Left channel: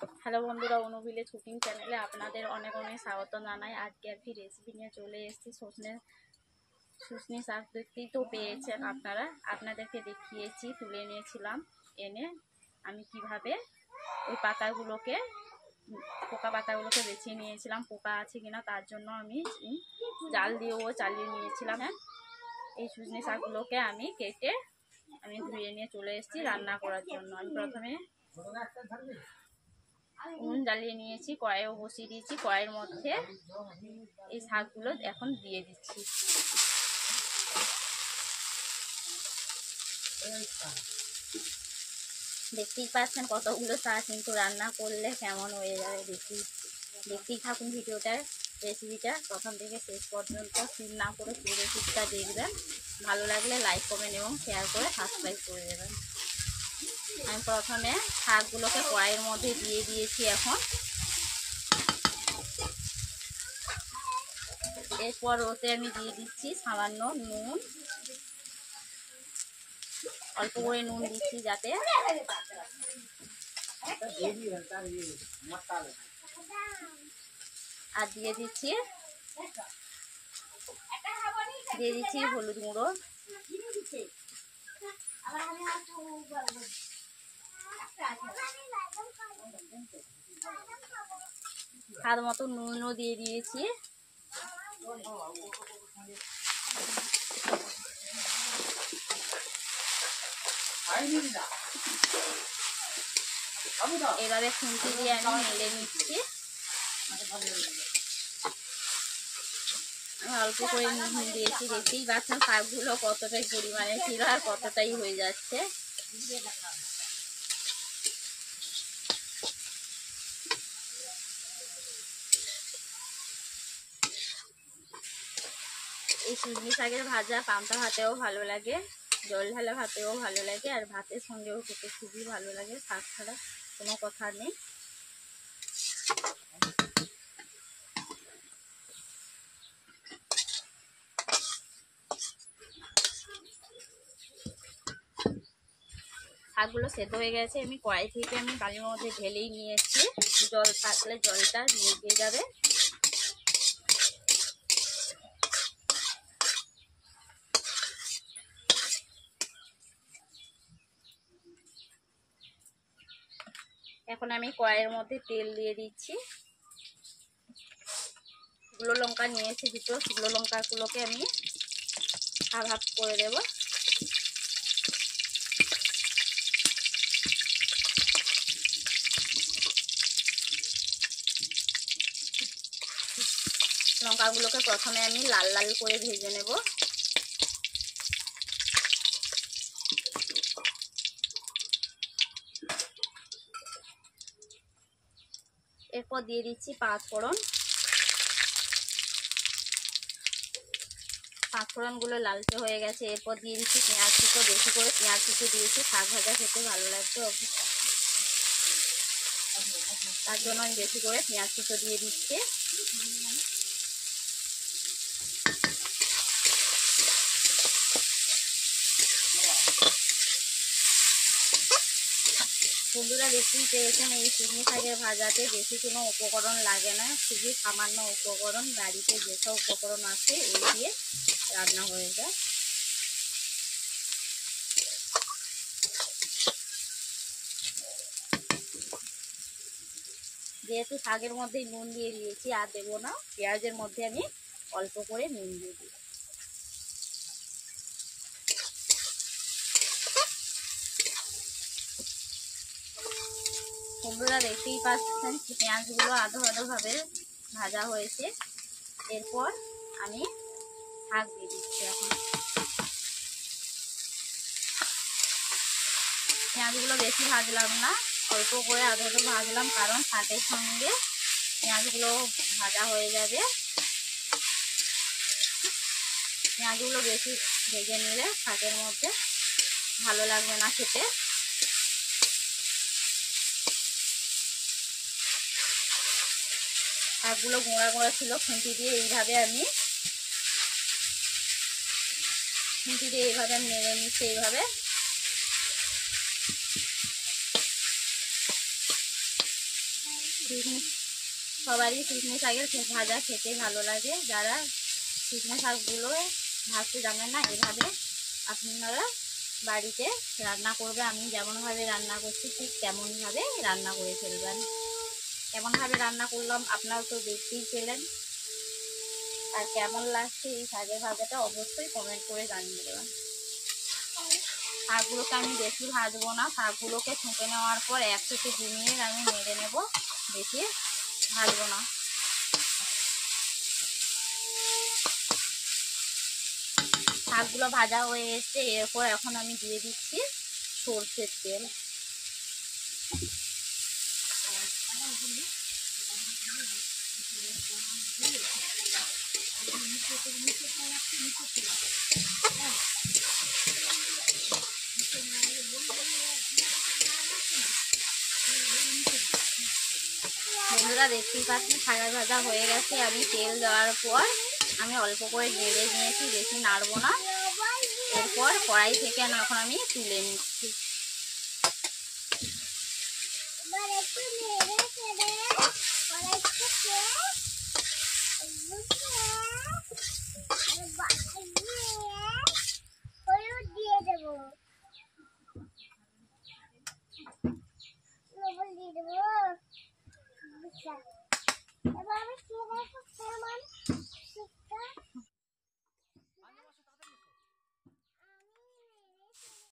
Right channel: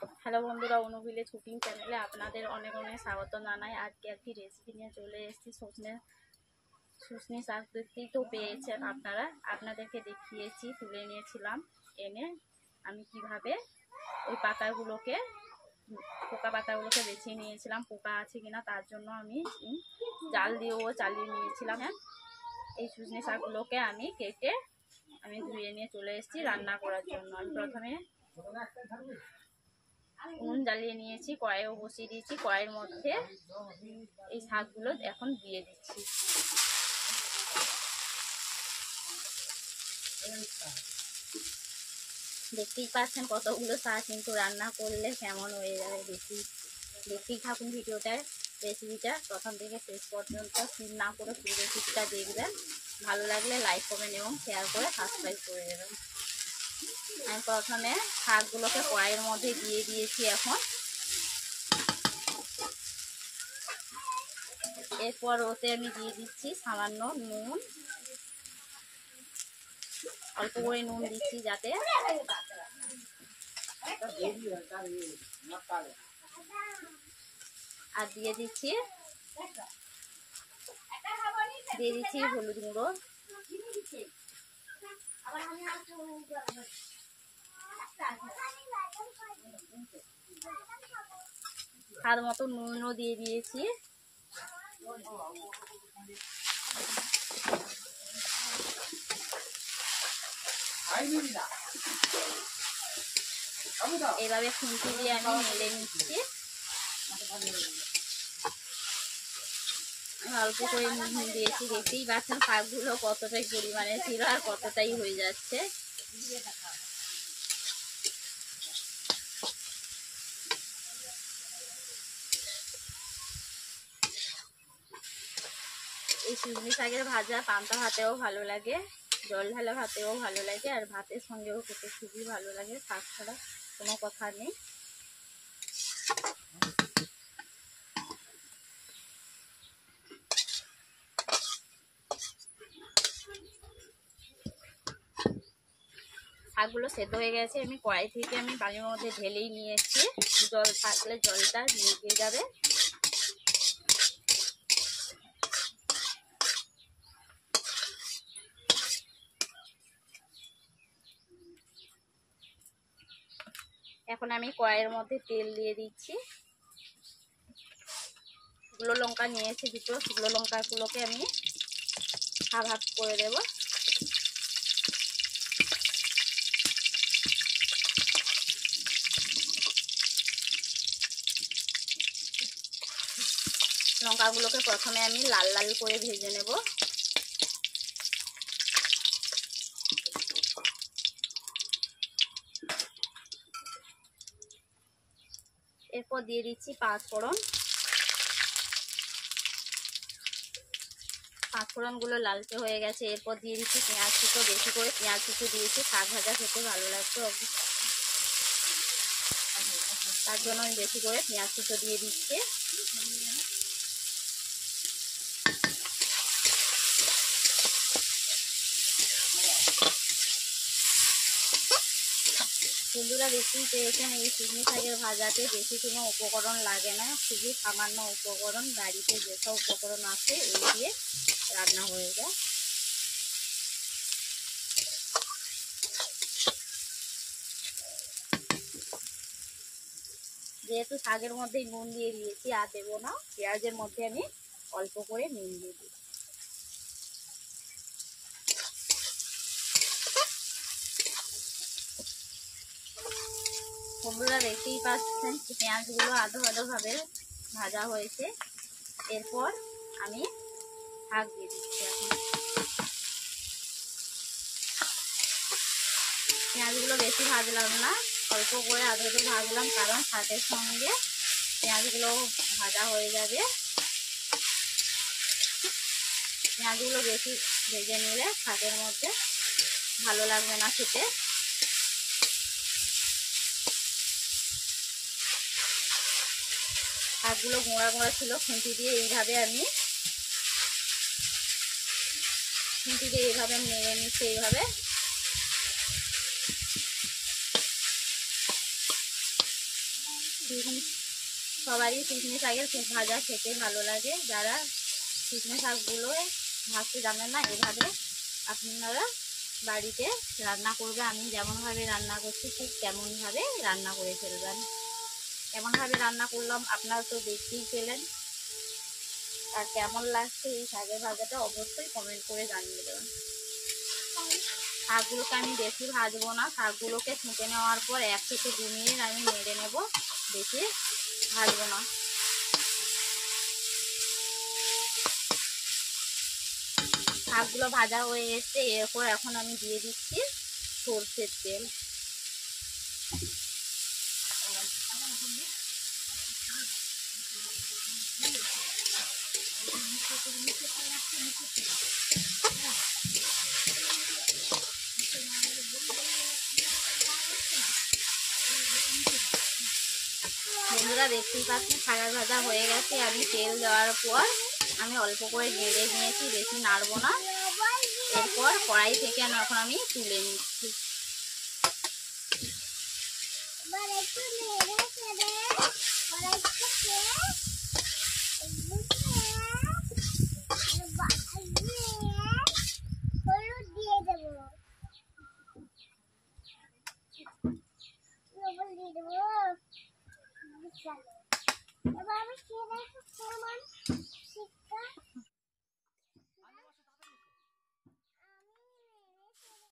Hello বন্ধুরা, অনুভিলেজ cooking চ্যানেলে আপনাদের অনেক অনেক স্বাগত জানাই। আজকে একটি রেসিপি নিয়ে চলে এসেছি। শুশনি শাক দেখতেই তো পেয়েছেন আপনারা, আপনাদেরকে দেখিয়েছি, তুলে নিয়েছিলাম এনে আমি কিভাবে ওই পাতাগুলোকে, পোকা পাতাগুলোকে বেছে নিয়েছিলাম পোকা আছে কিনা তার জন্য আমি জাল দিয়েও চালিয়ে নিয়েছিলাম। হ্যাঁ, এই শুশনি শাকগুলোকে আমি কেটে আমি ধুয়ে নিয়ে চলে এসেছি রান্না করার জন্য। আমি প্রথমে উনুন জ্বালিয়ে নিয়েছি, কড়াইও বসিয়ে দিয়েছি। কড়াইয়ের মধ্যে এই শাকগুলো এখন দিয়ে দিচ্ছি। দেখতেই পাচ্ছেন কতগুলো শাক, কিন্তু রান্না করলে কেমন হয়ে যাবে দেখতেই থাকুন ভিডিওটার রেসিপিটা প্রথম থেকে শেষ পর্যন্ত, স্কিপ না করে পুরো রেসিপিটা দেখবেন। ভালো লাগলে লাইক কমেন্ট এবং শেয়ার করে সাবস্ক্রাইব করে দেবেন। আমি প্রথমে শাকগুলোকে কড়াইয়ের মধ্যে দিয়ে দিয়েছি। এখন এরপর ওতে আমি দিয়ে দিচ্ছি সামান্য নুন, অল্প করে নুন দিচ্ছি যাতে, আর দিয়ে দিচ্ছি হলুদ গুঁড়ো, স্বাদ মতো নুনও দিয়ে দিয়েছি। এভাবে খুন্তি দিয়ে আমি মেলে নিচ্ছি। অল্প করে নুন দিয়েছি, দেখতেই পাচ্ছেন শাকগুলো কতটাই পরিমাণে ছিল আর কতটাই হয়ে যাচ্ছে। এই শুশনি শাকের ভাজা পান্তা ভাতেও ভালো লাগে, জল ঢালা ভাতেও ভালো লাগে, আর ভাতের সঙ্গেও খেতে খুবই ভালো লাগে। শাক ছাড়া কোনো কথা নেই। শাকগুলো সেদ্ধ হয়ে গেছে, আমি কড়াই থেকে বালির মধ্যে ঢেলেই নিয়েছি। জল থাকলে জলটা নিয়ে যাবে। এখন আমি কড়াইয়ের মধ্যে তেল দিয়ে দিচ্ছি। শুকনো লঙ্কা নিয়েছি দুটো, শুকনো লঙ্কাগুলোকে আমি হাফ হাফ করে দেব। লঙ্কাগুলোকে প্রথমে আমি লাল লাল করে ভেজে নেব। এরপর দিয়ে দিচ্ছি পাঁচফোড়ন। পাঁচফোড়নগুলো লালচে হয়ে গেছে। এরপর দিয়ে দিচ্ছি পেঁয়াজ কুচো, বেশি করে পেঁয়াজ কুচো দিয়েছি। শাক ভাজা খেতে ভালো লাগতো, তার জন্য আমি বেশি করে পেঁয়াজ কুচো দিয়ে দিচ্ছি। বন্ধুরা, দেখতেই পেয়েছেন এই শুকনো শাকের ভাজাতে বেশি কোনো উপকরণ লাগে না, খুবই সামান্য উপকরণ, বাড়িতে যেসব উপকরণ আছে এই দিয়ে রান্না হয়ে যায়। যেহেতু শাকের মধ্যেই নুন দিয়ে দিয়েছি, আর দেবো না। পেঁয়াজের মধ্যে আমি অল্প করে নুন দিয়ে দিই। বন্ধুরা, দেখতেই পাচ্ছেন পেঁয়াজগুলো আধো আধো ভাবে ভাজা হয়েছে। এরপর আমি শাক দিয়ে দিচ্ছি। এখন পেঁয়াজগুলো বেশি ভাজলাম না, অল্প করে আধো আধো ভাজলাম, কারণ শাকের সঙ্গে পেঁয়াজগুলো ভাজা হয়ে যাবে। পেঁয়াজগুলো বেশি ভেজে নিলে শাকের মধ্যে ভালো লাগবে না খেতে। শাকগুলো গোঁড়া গোঁড়া ছিল, খুন্তি দিয়ে এইভাবে আমি নেড়ে নিচ্ছি। এইভাবে সবারই শুকনো শাকের ভাজা খেতে ভালো লাগে। যারা শুকনো শাকগুলো ভাজতে জানেন না, এভাবে আপনারা বাড়িতে রান্না করবে। আমি যেমনভাবে রান্না করছি ঠিক তেমনভাবে রান্না করে ফেলবেন। কেমনভাবে রান্না করলাম আপনারা তো দেখতেই পেলেন। আর কেমন লাগছে এই শাকের ভাজাটা অবশ্যই কমেন্ট করে জানিয়ে দেবেন। শাকগুলোকে আমি বেশি ভাজবো না, শাকগুলোকে ছেঁকে নেওয়ার পর 1 থেকে 2 মিনিট আমি নেড়ে নেব, বেশি ভাজবো না। শাকগুলো ভাজা হয়ে এসছে, এরপর এখন আমি দিয়ে দিচ্ছি সরষের তেল। বন্ধুরা দেখতেই পাচ্ছি শাকের ভাজা হয়ে গেছে। আমি তেল দেওয়ার পর আমি অল্প করে নেড়ে নিয়েছি, বেশি নাড়বো না। এরপর কড়াই থেকে এখন আমি তুলে নিচ্ছি।